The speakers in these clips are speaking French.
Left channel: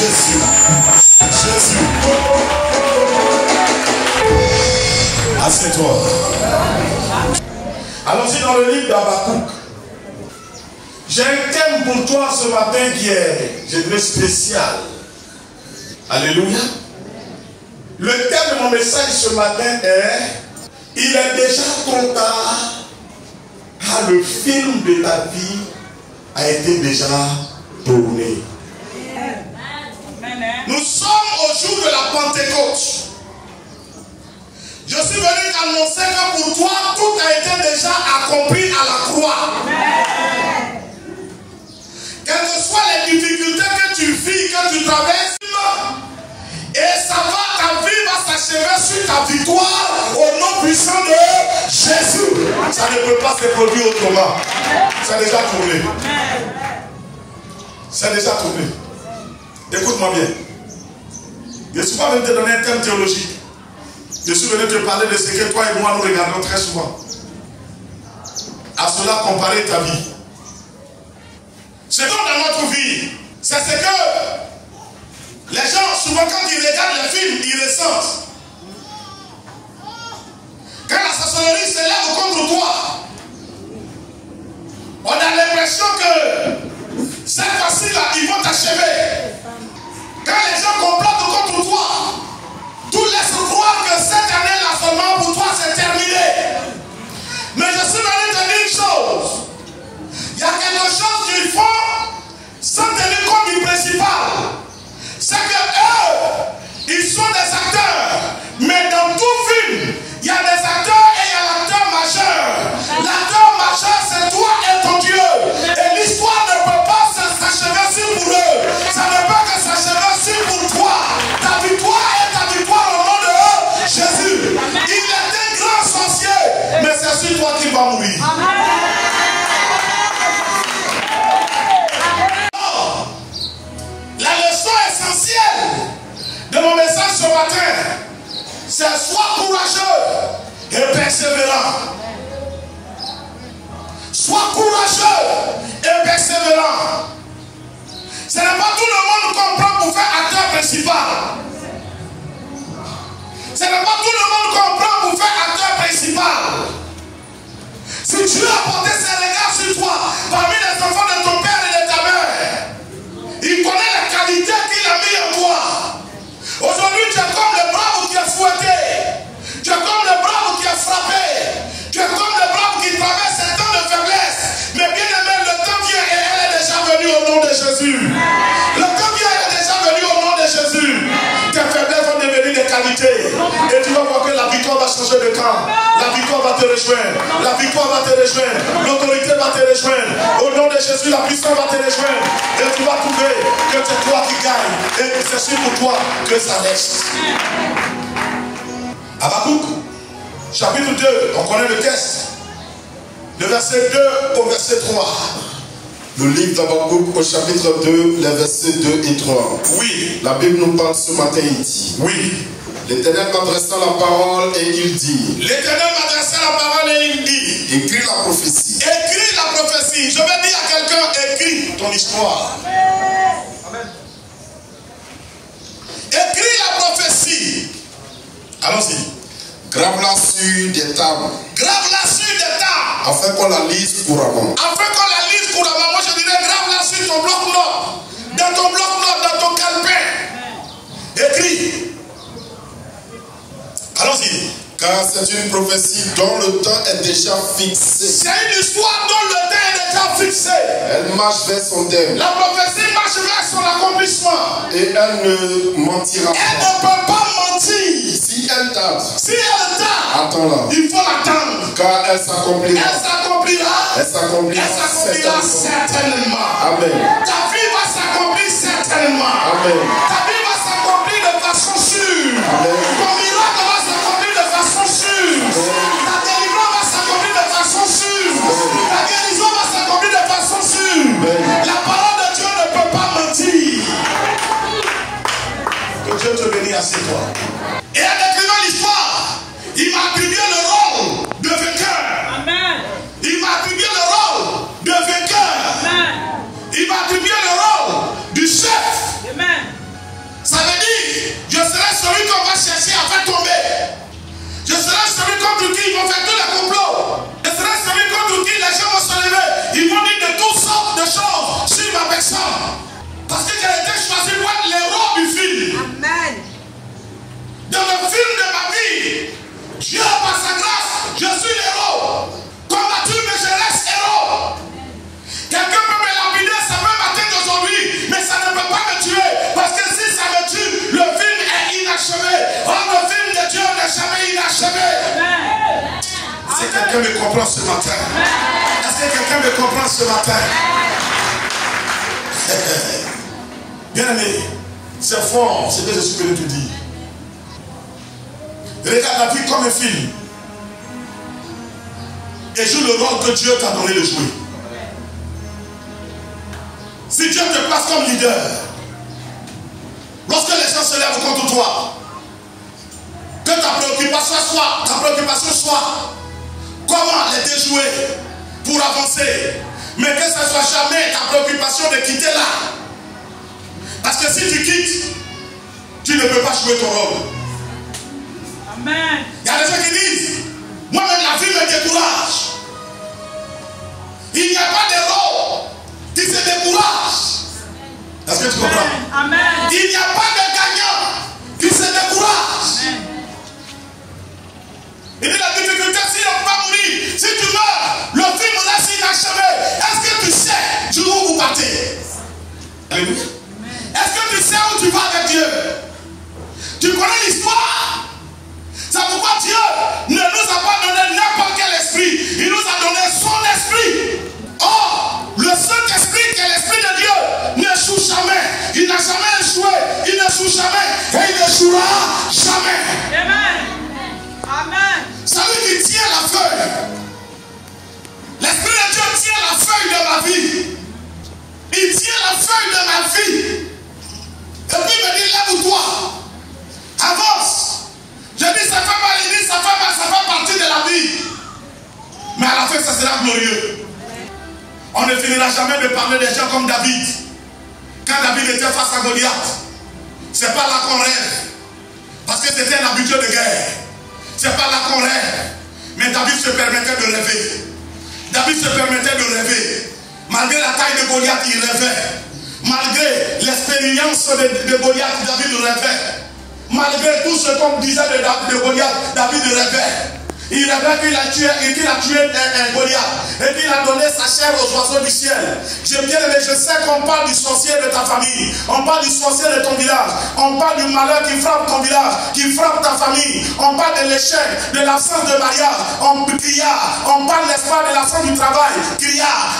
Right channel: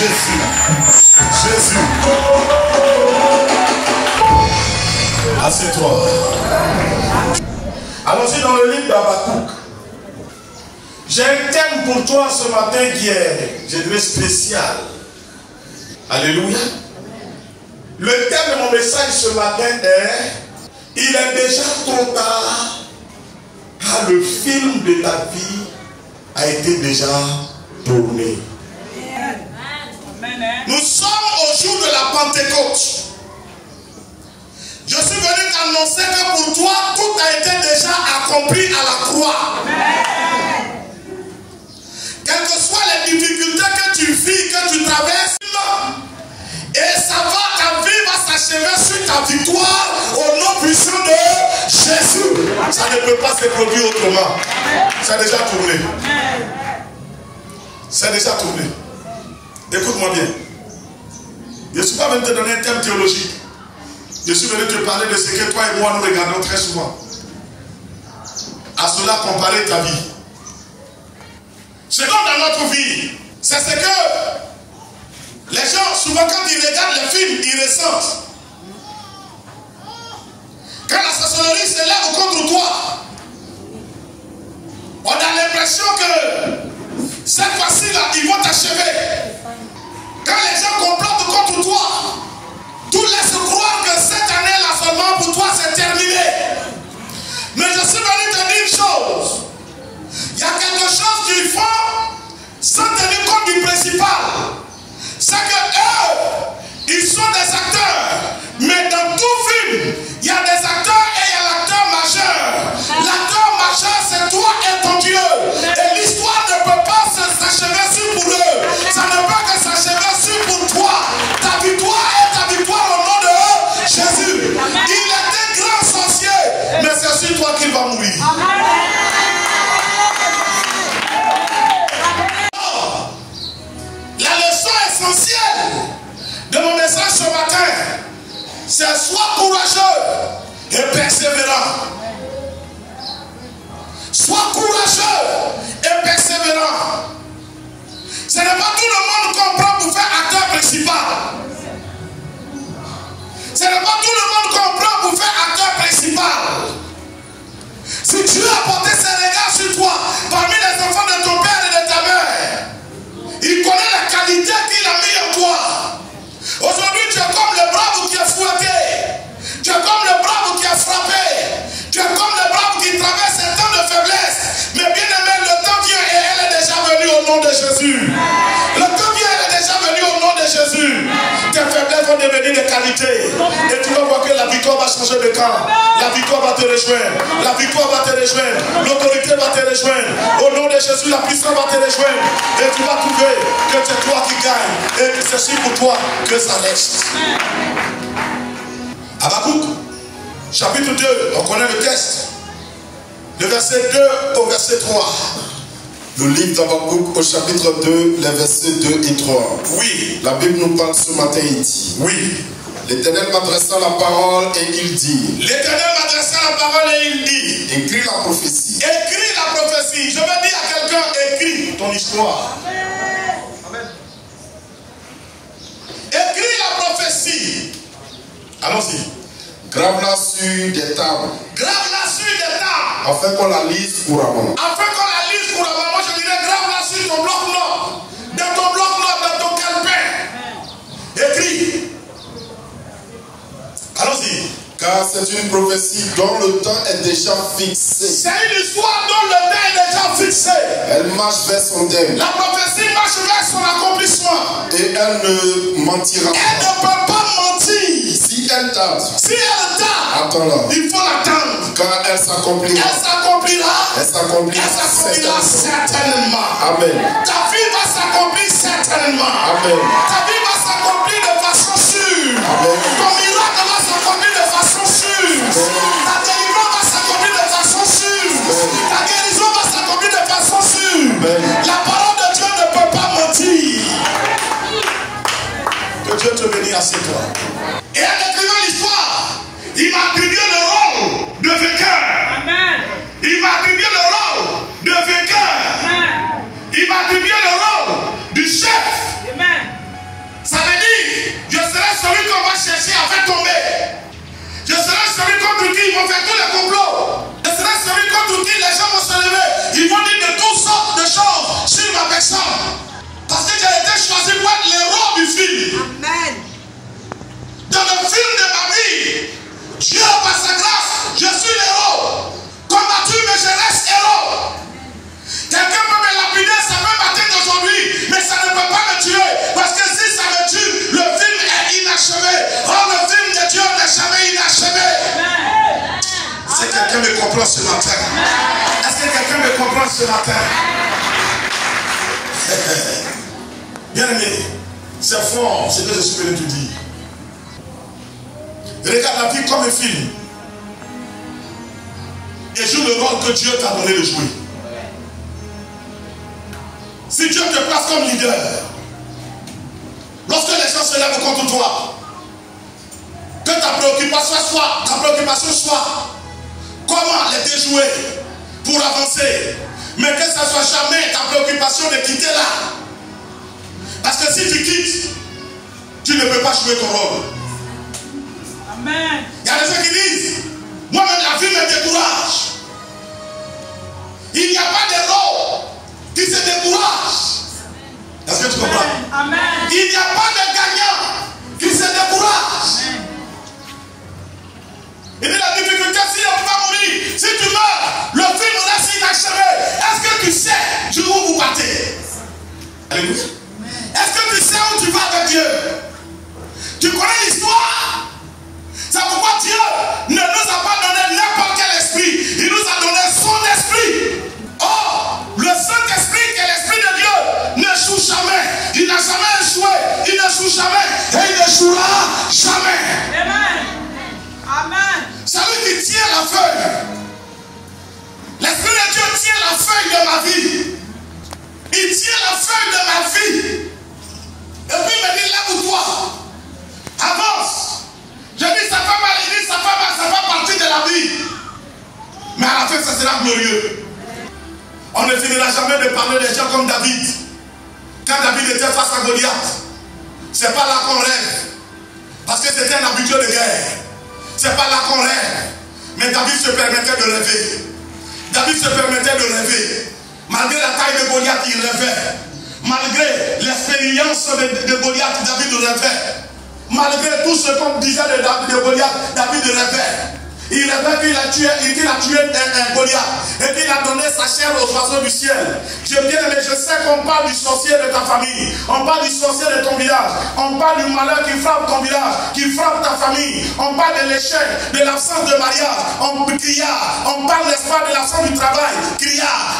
Jésus. Jésus. Assieds-toi. Allons-y dans le livre d'Habakkuk. J'ai un thème pour toi ce matin qui est, je dirais, spécial. Alléluia. Le thème de mon message ce matin est: il est déjà trop tard car le film de ta vie a été déjà tourné. Nous sommes au jour de la Pentecôte. Je suis venu t'annoncer que pour toi, tout a été déjà accompli à la croix. Quelles que soient les difficultés que tu vis, que tu traverses, et ça va, ta vie va s'achever sur ta victoire au nom puissant de Jésus. Ça ne peut pas se produire autrement. C'est déjà tourné. C'est déjà tourné. Écoute-moi bien. Je ne suis pas venu te donner un thème théologique. Je suis venu te parler de ce que toi et moi nous regardons très souvent. À cela comparer ta vie. Ce qu'on dans notre vie, c'est ce que les gens, souvent quand ils regardent les films, ils ressentent. Quand la sorcellerie se lève contre toi, on a l'impression que cette fois-ci-là, ils vont t'achever. Quand les gens complotent contre toi, tout laisse croire que cette année-là seulement pour toi c'est terminé. Mais je suis venu te dire une chose. Il y a quelque chose qu'ils font sans tenir compte du principal. C'est que eux, ils sont des acteurs. Mais dans tout film, il y a des acteurs et il y a l'acteur majeur. L'acteur majeur, c'est toi et ton Dieu. Et l'histoire ne peut pas s'achever sur pour eux. Ça ne peut que s'achever sur pour toi. Ta victoire est ta victoire au nom de Jésus. Il est un grand sorcier, mais c'est sur toi qu'il va mourir. La leçon essentielle de mon message ce matin, c'est sois courageux et persévérant. Sois courageux et persévérant. Ce n'est pas tout le monde qu'on prend pour faire acteur principal. Ce n'est pas tout le monde qu'on prend pour faire acteur principal. Si Dieu a porté ses regards sur toi, parmi les enfants de ton père et de ta mère, il connaît la qualité qu'il a mis en toi. Aujourd'hui, tu es comme le brave qui est fouetté. Tu es comme le brave qui est frappé. Tu es comme le brave qui traverse un temps de faiblesse. Mais bien aimé, le temps vient et elle est déjà venue au nom de Jésus. Le temps vient et elle est déjà venue au nom de Jésus. Tes faiblesses vont devenir des qualités. Et tu vas voir que la victoire va changer de camp. La victoire va te rejoindre. La victoire va te rejoindre. L'autorité va te rejoindre. Au nom de Jésus, la puissance va te rejoindre. Et tu vas trouver que c'est toi qui gagne. Et que c'est sur pour toi que ça reste. Habakkuk, chapitre 2, on connaît le texte. Le verset 2 au verset 3. Le livre d'Habakkuk au chapitre 2, les versets 2 et 3. Oui. La Bible nous parle ce matin, il dit. Oui. L'Éternel m'adressa la parole et il dit. L'Éternel m'adressa la parole et il dit. Écris la prophétie. Écris la prophétie. Je vais dire à quelqu'un, écris ton histoire. Écris la prophétie. Allons-y. Grave-la sur des tables. Grave-la sur des tables. Afin qu'on la lise couramment. Afin qu'on la lise couramment. Moi je dirais grave-la sur ton bloc-notes. Dans ton bloc-notes, dans ton calepin. Écris. Allons-y. Car c'est une prophétie dont le temps est déjà fixé. C'est une histoire dont le temps est déjà fixé. Elle marche vers son terme. La prophétie marche vers son accomplissement. Et elle ne mentira Elle ne peut pas mentir. Si elle tarde. Si elle tarde. Attends-la. Il faut l'attendre. Car elle s'accomplira. Elle s'accomplira. Elle s'accomplira. Elle s'accomplira certainement. Amen. Ta vie va s'accomplir certainement. Amen. Ta vie va s'accomplir de façon sûre. Amen. Ton miracle va s'accomplir de façon sûre. Ta délivrance va s'accomplir de façon sûre. Ta guérison va s'accomplir de façon sûre. La parole de Dieu ne peut pas mentir. Que Dieu te bénisse à ses toi. Et en écrivant l'histoire, il m'a attribué le rôle de vainqueur. Amen. Il m'a attribué le rôle de vainqueur. Amen. Il m'a attribué le rôle du chef. Amen. Est-ce que quelqu'un me comprend ce matin? Est-ce que quelqu'un me comprend ce matin? Bien aimé, c'est fort ce que je suis venu te dire. Regarde la vie comme un film. Et joue le rôle que Dieu t'a donné de jouer. Si Dieu te place comme leader, lorsque les gens se lèvent contre toi, que ta préoccupation soit comment les déjouer pour avancer. Mais que ce ne soit jamais ta préoccupation de quitter là. Parce que si tu quittes, tu ne peux pas jouer ton rôle. Amen. Il y a des gens qui disent, moi-même la vie me décourage. Il n'y a pas de rôle qui se décourage. Est-ce que tu comprends? Amen. Il n'y a pas de gagnant qui se décourage. Amen. Il dit la difficulté, si on va mourir, si tu meurs, le film reste inachevé. Est-ce que tu sais du où vous partez? Alléluia. Est-ce que tu sais où tu vas avec Dieu? Tu connais l'histoire? C'est pourquoi Dieu ne nous a pas donné n'importe quel esprit. Il nous a donné son esprit. Or, le Saint-Esprit qui est l'esprit de Dieu n'échoue jamais. Il n'a jamais échoué. Il n'échoue jamais. Et il n'échouera jamais. Amen. Amen. C'est lui qui tient la feuille. L'Esprit de Dieu tient la feuille de ma vie. Il tient la feuille de ma vie. Et puis il me dit, lève-toi. Avance. Je dis, ça fait mal, il dit, ça fait partie de la vie. Mais à la fin, ça sera glorieux. On ne finira jamais de parler des gens comme David. Quand David était face à Goliath, c'est pas là qu'on rêve. Parce que c'était un habitué de guerre. C'est pas là qu'on rêve. Mais David se permettait de rêver. David se permettait de rêver. Malgré la taille de Goliath, il rêvait. Malgré l'expérience de Goliath, David rêvait. Malgré tout ce qu'on disait de Goliath, David rêvait. Il rêvait qu'il a tué un Goliath et qu'il a donné sa chair aux oiseaux du ciel. J'ai bien aimé, je sais qu'on parle du sorcier de ta famille, on parle du sorcier de ton village, on parle du malheur qui frappe ton village, qui frappe ta famille, on parle de l'échec, de l'absence de mariage, on parle, n'est-ce pas, de l'absence du travail,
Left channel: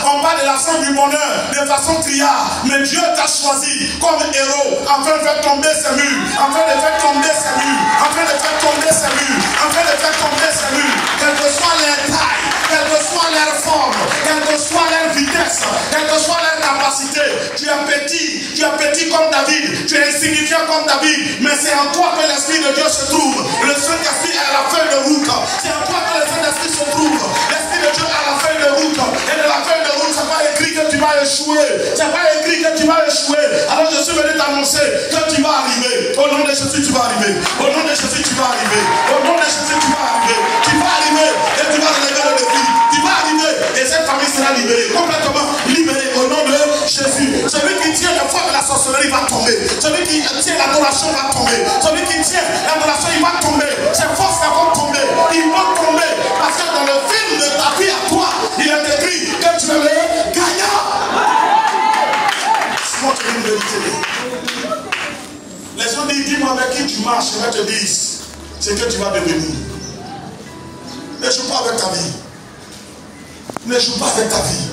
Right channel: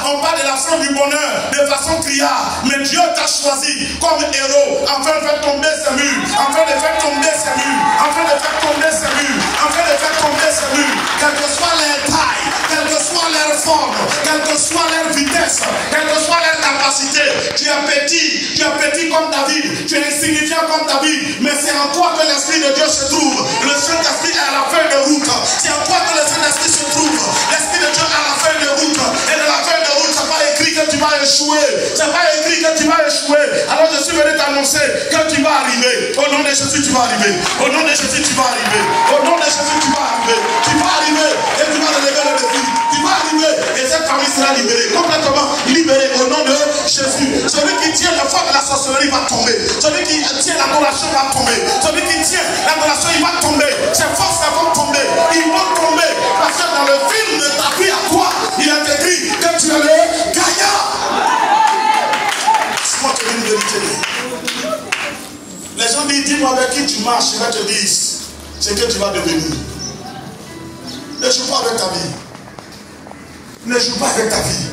on parle de l'absence du bonheur, de façon criard. Mais Dieu t'a choisi comme héros afin de faire tomber ces murs, afin de faire tomber ces murs, afin de faire tomber ces murs, afin de faire tomber ces murs. Quelle que soit leur taille, quelle que soit leur forme, quelle que soit leur vitesse, quelle que soit leur capacité, tu es petit comme David, tu es insignifiant comme David, mais c'est en toi que l'Esprit de Dieu se trouve. Le Saint-Esprit est à la feuille de route. C'est en toi que le Saint-Esprit se trouve. L'Esprit de Dieu est à la feuille de route. Et de la feuille de route, c'est pas écrit que tu vas échouer. C'est pas écrit que tu vas échouer. Alors je suis venu t'annoncer que tu vas arriver. Au nom de Jésus, tu vas arriver. Au nom de Jésus, tu vas arriver. Au nom de Jésus, tu vas arriver. Tu vas arriver et tu vas relever le défi. Tu vas arriver et cette famille sera libérée. Complètement libérée au nom de Jésus. Celui qui tient le feu de la sorcellerie va tomber. Celui qui tient l'adoration va tomber. Celui qui tient l'adoration, il va tomber. Ses forces vont tomber. Ils vont tomber. Parce que dans le film de ta vie à toi, il est écrit que tu es le gagnant. C'est moi qui vais vous vérité. Les gens disent, dis-moi avec qui tu marches. Je vais te dire ce que tu vas devenir. Ne joue pas avec ta vie. Ne joue pas avec ta vie.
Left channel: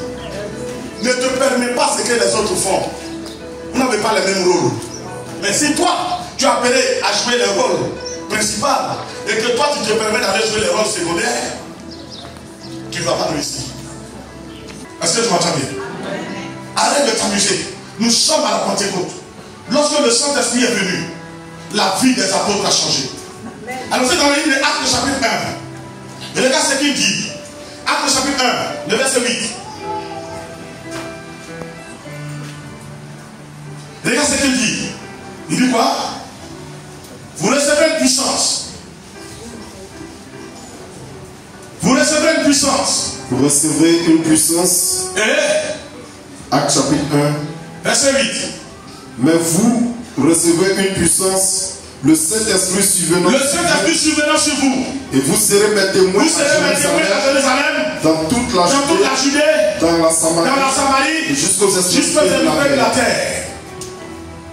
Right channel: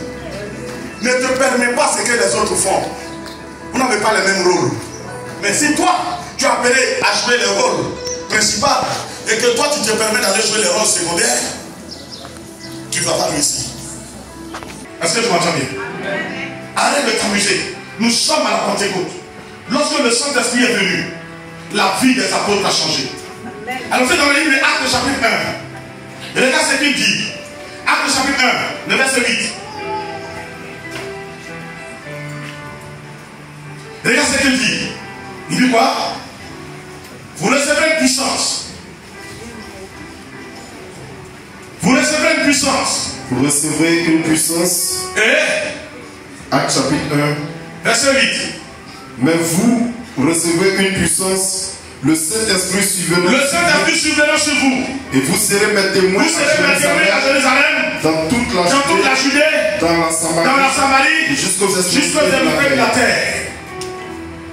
Ne te permets pas ce que les autres font. Vous n'avez pas le même rôle. Mais si toi, tu es appelé à jouer le rôle principal et que toi, tu te permets d'aller jouer le rôle secondaire, tu ne vas pas réussir. Est-ce que tu m'entends bien? Arrête de t'amuser. Nous sommes à la Pentecôte. Lorsque le Saint-Esprit est venu, la vie des apôtres a changé. Alors c'est dans le livre des Actes chapitre 1. Regarde ce qu'il dit. Actes chapitre 1, le verset 8. Regarde ce qu'il dit. Il dit quoi? Vous recevrez une puissance. Vous recevrez une puissance. Vous recevrez une puissance. Et Actes chapitre 1. verset 8. Mais vous recevrez une puissance. Le Saint-Esprit survenant sur vous. Et vous serez mes témoins Vous serez mes témoins à Jérusalem, dans toute la Judée, dans la Samarie, et jusqu'aux extrémités de la terre.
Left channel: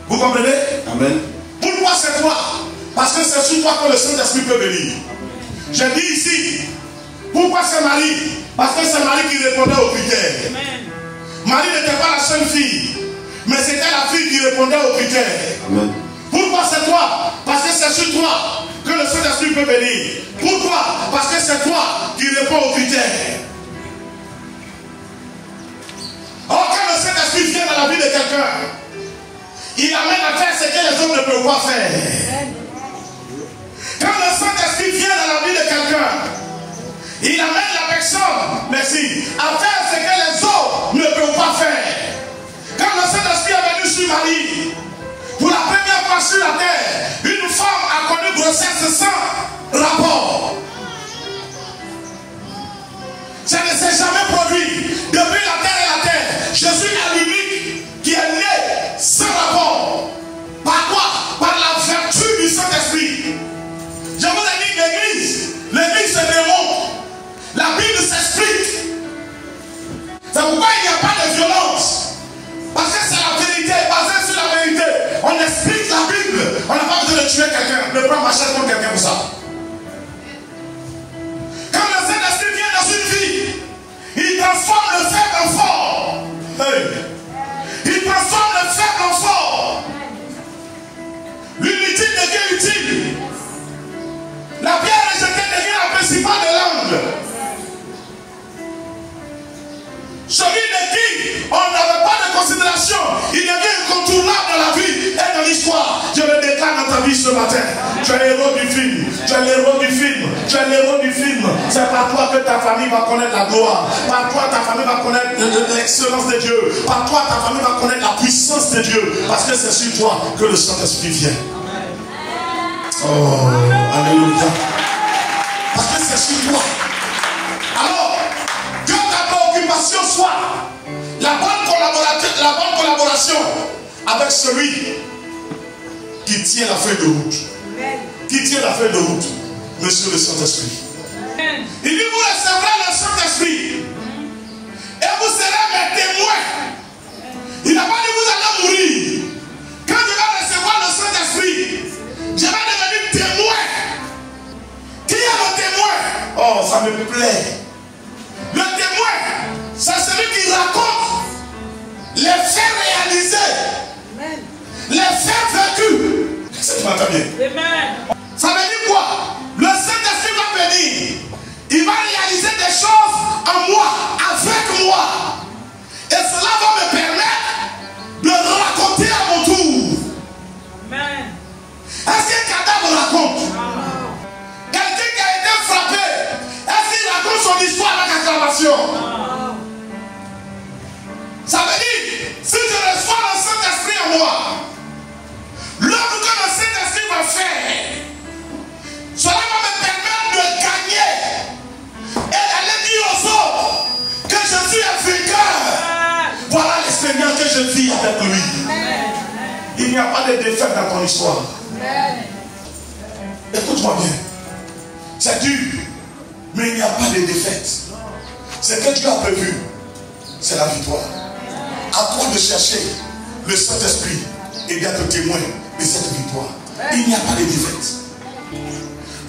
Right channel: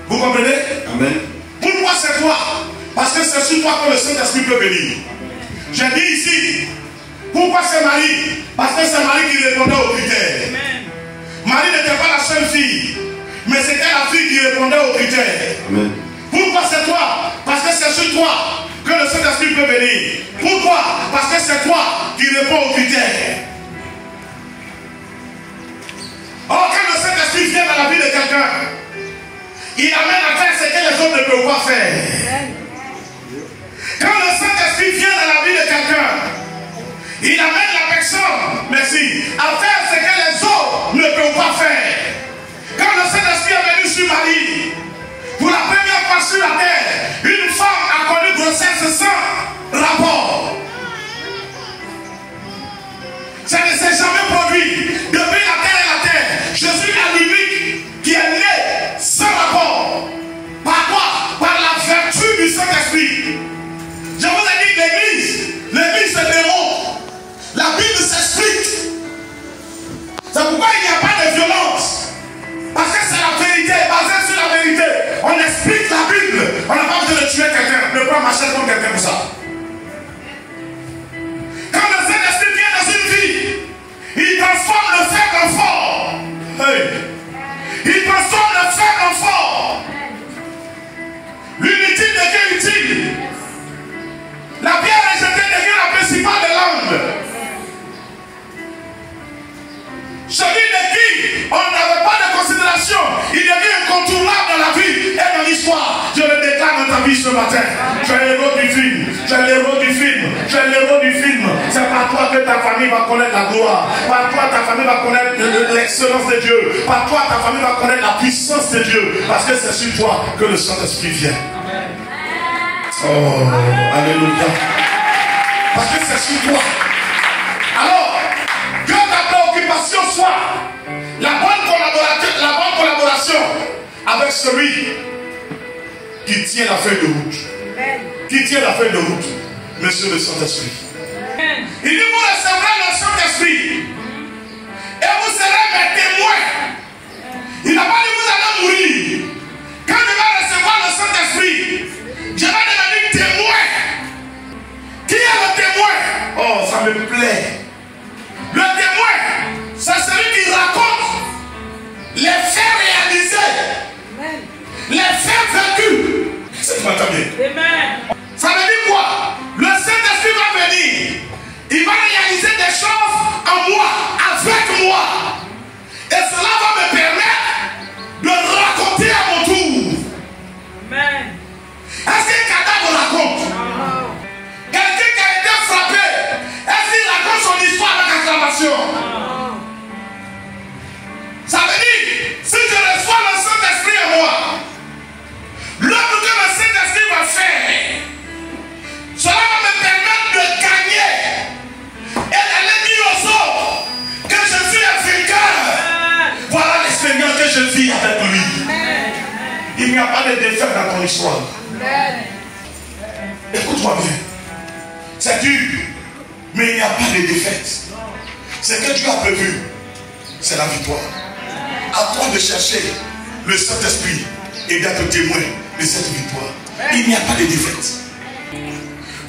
Vous comprenez? Amen. Pourquoi c'est toi? Parce que c'est sur toi que le Saint-Esprit peut venir. Je dis ici Pourquoi c'est Marie? Parce que c'est Marie qui répondait aux critères. Marie n'était pas la seule fille, mais c'était la fille qui répondait aux critères. Amen. Pourquoi c'est toi? Parce que c'est sur toi que le Saint-Esprit peut venir. Pourquoi? Parce que c'est toi qui réponds aux critères. Or, quand le Saint-Esprit vient dans la vie de quelqu'un, il amène à faire ce que les autres ne peuvent pas faire. Quand le Saint-Esprit vient dans la vie de quelqu'un, il amène la personne, merci, à faire ce que les autres ne peuvent pas faire. Quand le Saint-Esprit est venu sur Marie, pour la première fois sur la terre, une femme a connu grossesse sans rapport. Ça ne s'est jamais produit. Depuis la terre et la terre, Jésus est l'unique qui est né sans rapport. Par quoi? Par la vertu du Saint-Esprit. Je vous ai dit l'église se démontre. La Bible s'explique. C'est pourquoi il n'y a pas de violence. Parce que c'est la vérité, basée sur la vérité. On explique la Bible. On n'a pas besoin de tuer quelqu'un. Ne pas marcher contre quelqu'un pour ça. Quand le Saint-Esprit vient dans une vie, il transforme le faible en fort. Hey. Il transforme le faible en fort. L'inutile devient utile. La pierre rejetée devient la principale de l'angle. Celui de qui on n'avait pas de considération, il devient incontournable dans la vie et dans l'histoire. Je le déclare dans ta vie ce matin. Tu es l'héros du film. Tu es l'héros du film. Tu es l'héros du film. C'est par toi que ta famille va connaître la gloire. Par toi, ta famille va connaître l'excellence de Dieu. Par toi, ta famille va connaître la puissance de Dieu. Parce que c'est sur toi que le Saint-Esprit vient. Oh, alléluia. Parce que c'est sur toi. Alors, que ta préoccupation soit la bonne collaboration avec celui qui tient la feuille de route. Qui tient la feuille de route, Monsieur le Saint-Esprit. Il dit, vous recevrez le Saint-Esprit et vous serez mes témoins. Il n'a pas dit vous allez mourir. Quand tu vas recevoir le Saint-Esprit, je vais devenir témoin. Qui est le témoin? Oh, ça me plaît. Le témoin, c'est celui qui raconte les faits réalisés, les faits vécus. C'est qui m'entend bien? Amen. Ça veut dire quoi? Le Saint-Esprit va venir. Il va réaliser des choses en moi, avec moi. Et cela va me permettre de raconter à mon tour. Amen. Est-ce qu'un cadavre raconte? Quelqu'un qui a été frappé, est-ce qu'il raconte son histoire avec acclamation? Ça veut dire, si je reçois le Saint-Esprit en moi, l'œuvre que le Saint-Esprit va faire, cela va me permettre de gagner et d'aller dire aux autres que je suis un vainqueur. Voilà l'expérience que je vis avec lui. Il n'y a pas de défaite dans ton histoire. Écoute-moi bien. C'est dur, mais il n'y a pas de défaite. Ce que Dieu a prévu, c'est la victoire. À toi de chercher le Saint-Esprit et d'être témoin de cette victoire. Il n'y a pas de défaite.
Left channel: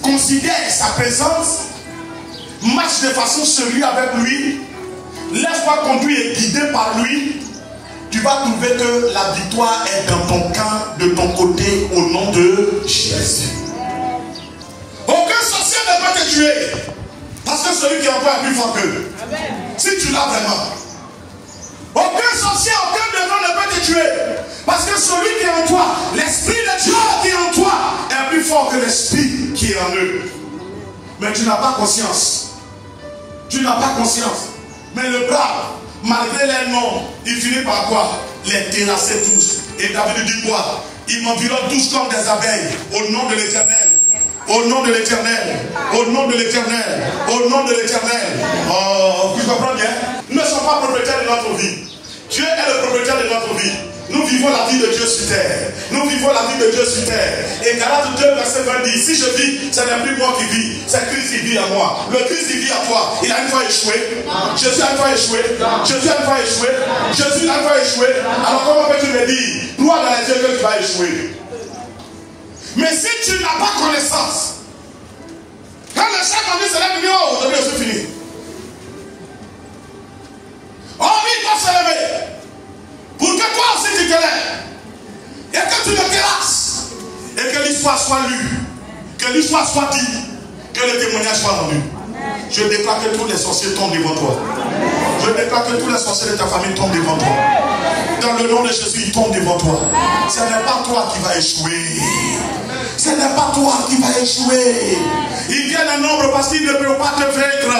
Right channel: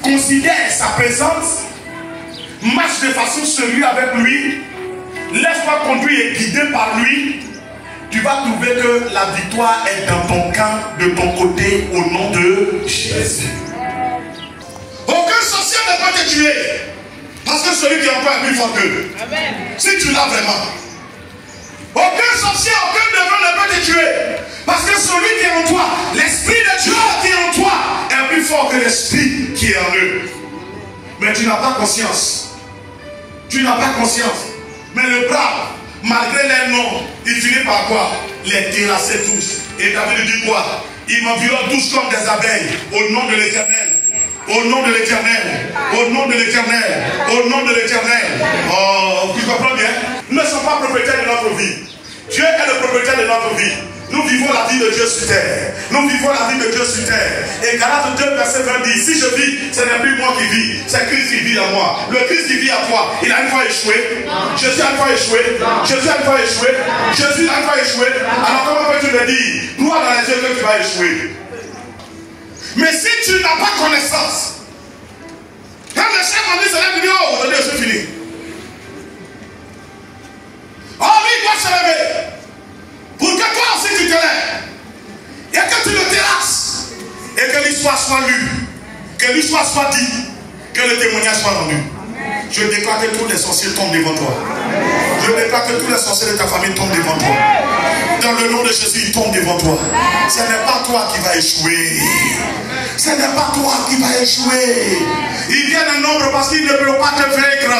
Considère sa présence, marche de façon sérieuse avec lui, laisse-toi conduire et guider par lui. Tu vas trouver que la victoire est dans ton camp, de ton côté, au nom de Jésus. Aucun sorcier ne peut te tuer, parce que celui qui est en toi est plus fort qu'eux. Si tu l'as vraiment. Aucun sorcier, aucun démon ne peut te tuer, parce que celui qui est en toi, l'Esprit de Dieu qui est en toi, est plus fort que l'Esprit qui est en eux. Mais tu n'as pas conscience. Tu n'as pas conscience. Mais le brave, malgré les noms, il finit par quoi? Les terrasser tous. Et David dit quoi? Ils m'environnent tous comme des abeilles. Au nom de l'Éternel. Au nom de l'Éternel. Au nom de l'Éternel. Au nom de l'Éternel. Oh, tu comprends bien? Nous ne sommes pas propriétaires de notre vie. Dieu est le propriétaire de notre vie. Nous vivons la vie de Dieu sur terre. Nous vivons la vie de Dieu sur terre. Et Galates 2, verset 20 dit, si je vis, ce n'est plus moi qui vis, c'est Christ qui vit en moi. Le Christ qui vit en toi, il a une fois échoué. Jésus a une fois échoué. Jésus a une fois échoué. Jésus a une fois échoué. Alors comment peux-tu me dire, toi dans les yeux que tu vas échouer? Mais si tu n'as pas connaissance Quand le chef a dit cela, il dit, oh, attendez, c'est fini. Oh, lui, il doit se lever. Pour que toi aussi tu te lèves. Et que tu le terrasses. Et que l'histoire soit lue. Que l'histoire soit dite. Que le témoignage soit rendu. Je déclare que tous les sorciers tombent devant toi. Je déclare que tous les sorciers de ta famille tombent devant toi. Dans le nom de Jésus, ils tombent devant toi. Ce n'est pas toi qui vas échouer. Ce n'est pas toi qui vas échouer. Ils viennent en nombre parce qu'ils ne peuvent pas te vaincre.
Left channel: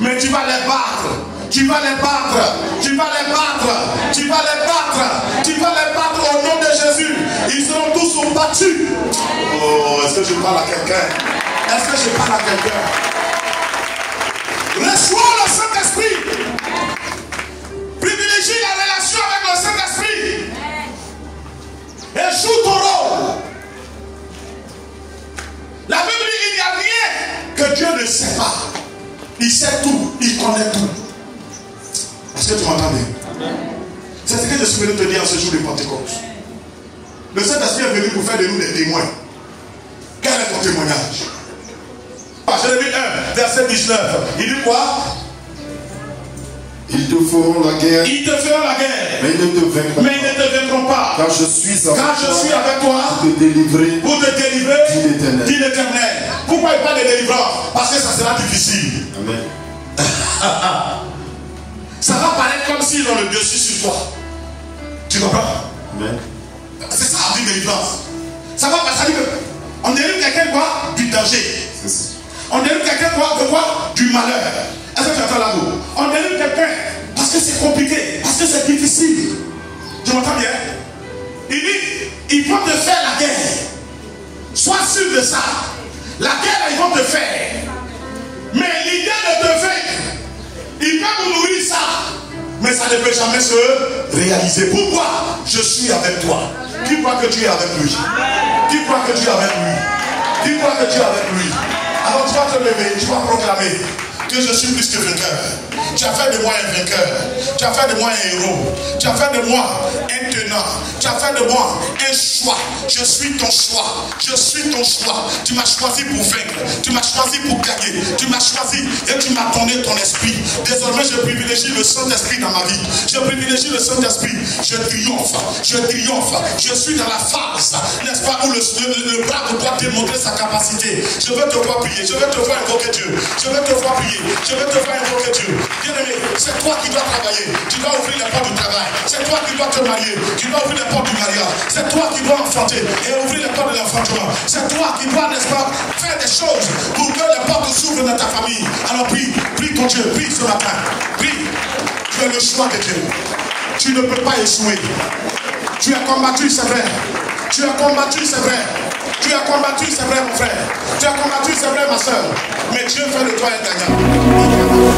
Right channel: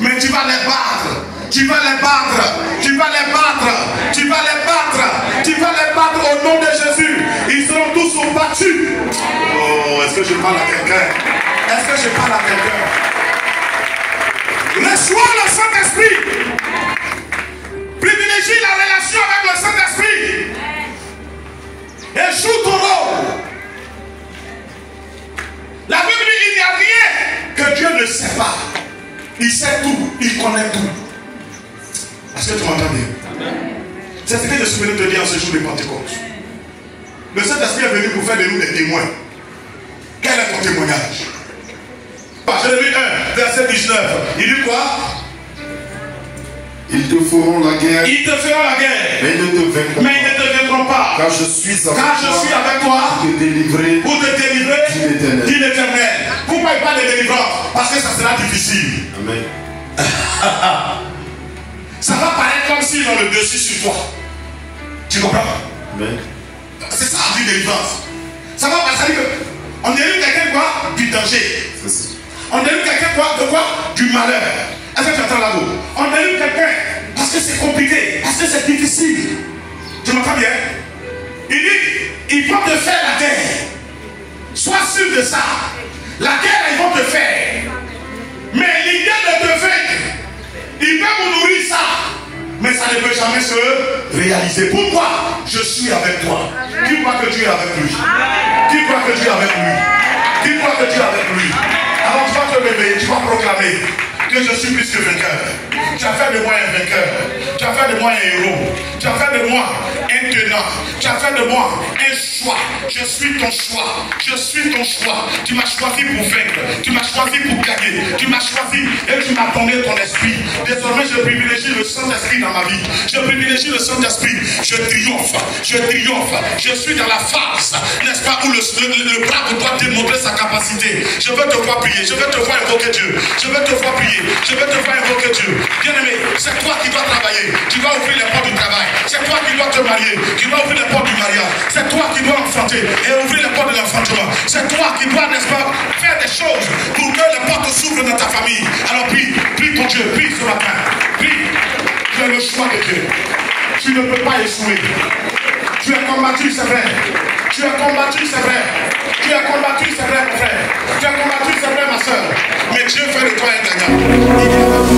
Mais tu vas les battre. Tu vas les battre. Tu vas les battre. Tu vas les battre. Tu vas les battre au nom de Jésus. Ils seront tous battus. Oh, est-ce que je parle à quelqu'un? Est-ce que je parle à quelqu'un? Reçois le Saint-Esprit. Privilégie la relation avec le Saint-Esprit. Et joue ton rôle. La Bible dit qu'il n'y a rien que Dieu ne sait pas. Il sait tout. Il connaît tout. Est-ce que tu m'entends bien? C'est ce que je suis venu te dire en ce jour de Pentecôte. Le Saint-Esprit est venu pour faire de nous des témoins. Quel est ton témoignage? Jérémie 1, verset 19. Il dit quoi? Ils te feront la guerre. Ils te feront la guerre. Mais ils ne te vaincront Mais ils ne te vaincront pas. Car je suis avec toi. Pour te délivrer. Pour te délivrer. Dit l'Éternel. Pourquoi il parle de délivrance? Parce que ça sera difficile. Amen. Ça va paraître comme s'ils ont le dessus sur toi. Tu comprends? Amen. C'est ça la délivrance. Ça va passer que on délivre quelqu'un quoi? Du danger. C'est ça. On délivre quelqu'un quoi? De quoi? Du malheur. Est-ce que tu entends là-haut? On délivre quelqu'un parce que c'est compliqué, parce que c'est difficile. Tu m'entends bien? Il dit, ils vont te faire la guerre. Sois sûr de ça. La guerre, ils vont te faire. Mais l'idée de te vaincre, ils peuvent vous nourrir ça. Mais ça ne peut jamais se réaliser. Pourquoi? Je suis avec toi. Qui croit que tu es avec lui? Qui croit que tu es avec lui? Qui croit que tu es avec lui? Alors tu vas te lever, tu vas proclamer que je suis plus que vainqueur. Tu as fait de moi un vainqueur. Tu as fait de moi un héros. Tu as fait de moi un tenant. Tu as fait de moi un choix. Je suis ton choix. Je suis ton choix. Tu m'as choisi pour vaincre. Tu m'as choisi pour gagner. Tu m'as choisi et tu m'as donné ton esprit. Désormais, je privilégie le Saint-Esprit dans ma vie. Je privilégie le Saint-Esprit. Je triomphe. Je triomphe. Je suis dans la phase, n'est-ce pas, où le bras doit démontrer sa capacité. Je veux te voir prier. Je veux te voir invoquer Dieu. Je veux te voir prier. Je veux te voir invoquer Dieu. Bien-aimé, c'est toi qui dois travailler. Tu dois ouvrir les portes du travail. C'est toi qui dois te marier. Tu dois ouvrir les portes du mariage. C'est toi qui dois enfanter et ouvrir les portes de l'enfantement. C'est toi qui dois, n'est-ce pas, faire des choses pour que les portes s'ouvrent dans ta famille. Alors prie, prie ton Dieu, prie ce matin. Prie. Tu es le choix de Dieu. Tu ne peux pas échouer. Tu as combattu, c'est vrai. Tu as combattu, c'est vrai. Tu as combattu, c'est vrai, mon frère. Tu as combattu, c'est vrai, ma soeur. Mais Dieu fait de toi un gagnant.